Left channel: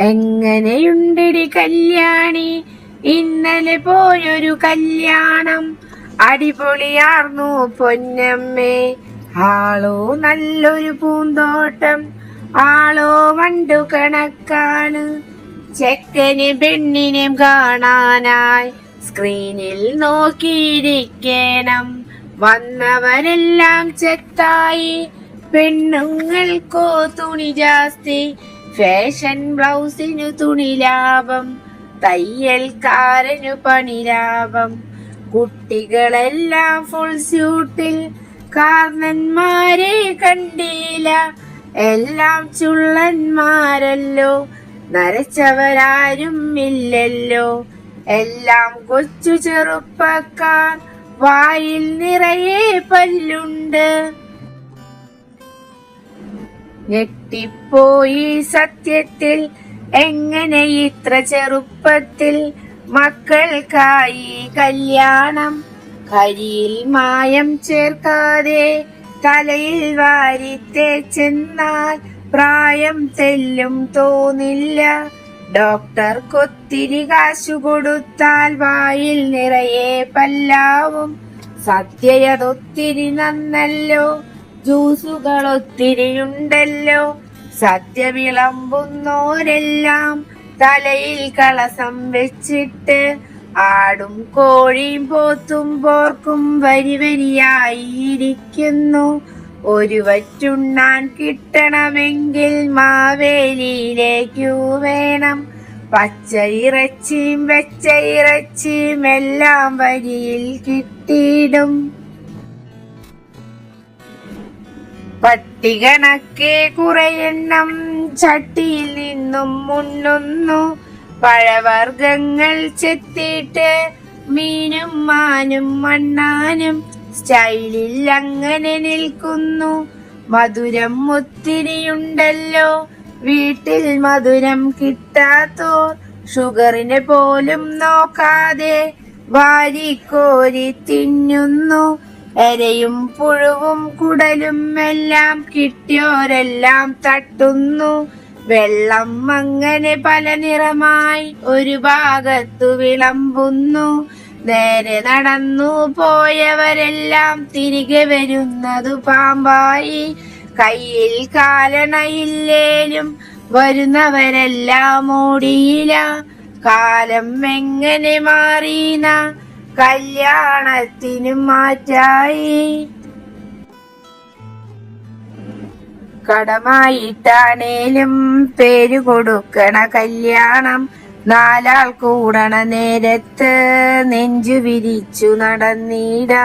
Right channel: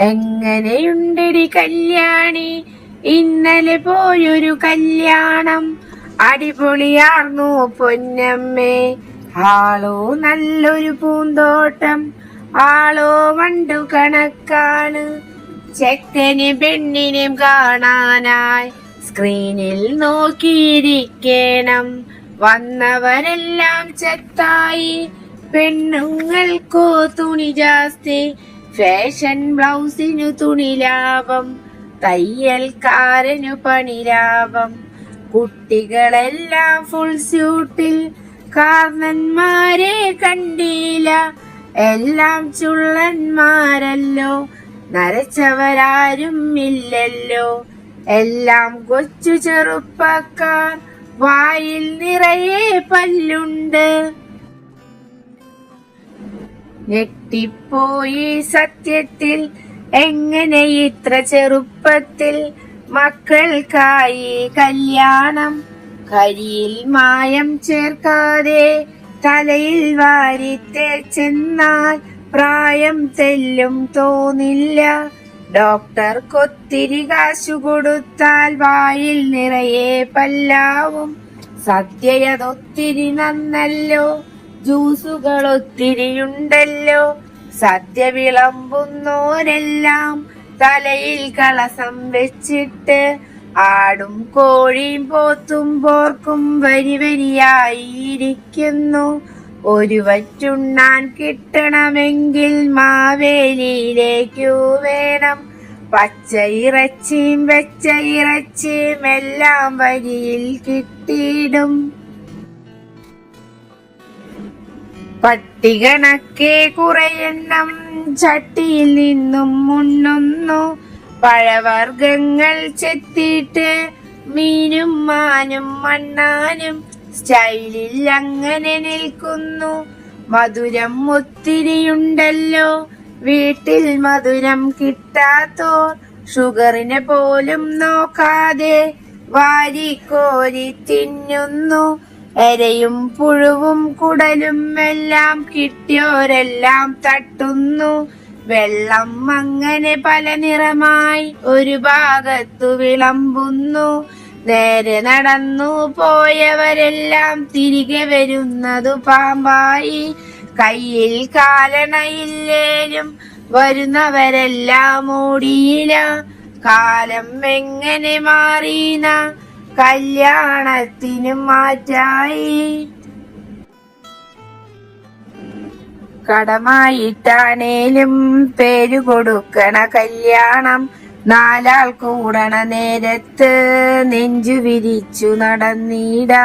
എങ്ങനെയുണ്ടടി കല്യാണി, ഇന്നലെ പോയൊരു കല്യാണം, അടിപൊളിയാർന്നു പൊന്നമ്മേ. ആളോ നല്ലൊരു പൂന്തോട്ടം, ആളോ വണ്ടു കണക്കാണ്. ചെക്കന് പെണ്ണിനും കാണാനായി സ്ക്രീനിൽ നോക്കിയിരിക്കണം. വന്നവരെല്ലാം ചെത്തായി, പെണ്ണുങ്ങൾക്കോ തുണി ജാസ്തി. ഫാഷൻ ബ്ലൗസിനു തുണി ലാഭം, തയ്യൽക്കാരനു പണി ലാഭം. കുട്ടികളെല്ലാം ഫുൾ സ്യൂട്ടിൽ, കാർന്നന്മാരെ കണ്ടില്ല. എല്ലാം ചുള്ളന്മാരല്ലോ, നരച്ചവരാരും ഇല്ലല്ലോ. എല്ലാം കൊച്ചു ചെറുപ്പക്കാർ, വായിൽ നിറയെ പല്ലുണ്ട്. ഞെട്ടിപ്പോയി സത്യത്തിൽ, എങ്ങനെ ഇത്ര ചെറുപ്പത്തിൽ മക്കൾക്കായി കല്യാണം. കരിയിൽ മായം ചേർക്കാതെ തലയിൽ വാരിത്തേച്ചെന്നാൽ പ്രായം തെല്ലും തോന്നില്ല. ഡോക്ടർക്കൊത്തിരി കാശു കൊടുത്താൽ വായിൽ നിറയെ പല്ലാവും. സദ്യയതൊത്തിരി നന്നല്ലോ, ജ്യൂസുകൾ ഒത്തിരിയുണ്ടല്ലോ. സദ്യ വിളമ്പുന്നോരെല്ലാം തലയിൽ കളസം വെച്ചിട്ട് ആടും കോഴിയും പോത്തും പോർക്കും വരി വരിയായിരിക്കുന്നു. ഒരു വറ്റുണ്ണാൻ കിട്ടണമെങ്കിൽ മാവേലിയിലേക്കു വേണം. പച്ച ഇറച്ചിയും വെച്ച ഇറച്ചിയും എല്ലാം വരിയിൽ കിട്ടിയിടും. പട്ടികണക്കെ കുറെയെണ്ണം ചട്ടിയിൽ നിന്നും മുണ്ണുന്നു. പഴവർഗങ്ങൾ ചെത്തിയിട്ട് മീനും മാനും മണ്ണാനും സ്റ്റൈലിൽ അങ്ങനെ നിൽക്കുന്നു. മധുരം ഒത്തിരിയുണ്ടല്ലോ, വീട്ടിൽ മധുരം കിട്ടാത്തോർ ഷുഗറിനെ പോലും നോക്കാതെ വാരിക്കോരി തിന്നുന്നു. എരയും പുഴുവും കുടലും എല്ലാം കിട്ടിയോരെല്ലാം തട്ടുന്നു. വെള്ളം അങ്ങനെ പല നിറമായി ഒരു ഭാഗത്തു വിളമ്പുന്നു. നേരെ നടന്നു പോയവരെല്ലാം തിരികെ വരുന്നതു പാമ്പായി. കയ്യിൽ കാലണയില്ലേലും വരുന്നവരെല്ലാം ഓടിയില്ല. കാലം എങ്ങനെ മാറീന, കല്യാണത്തിനും മാറ്റായി. കടമായിട്ടാണേലും പേര് കൊടുക്കണ കല്യാണം. നാലാൾ കൂടണ നേരത്ത് നെഞ്ചു വിരിച്ചു നടന്നിടാ.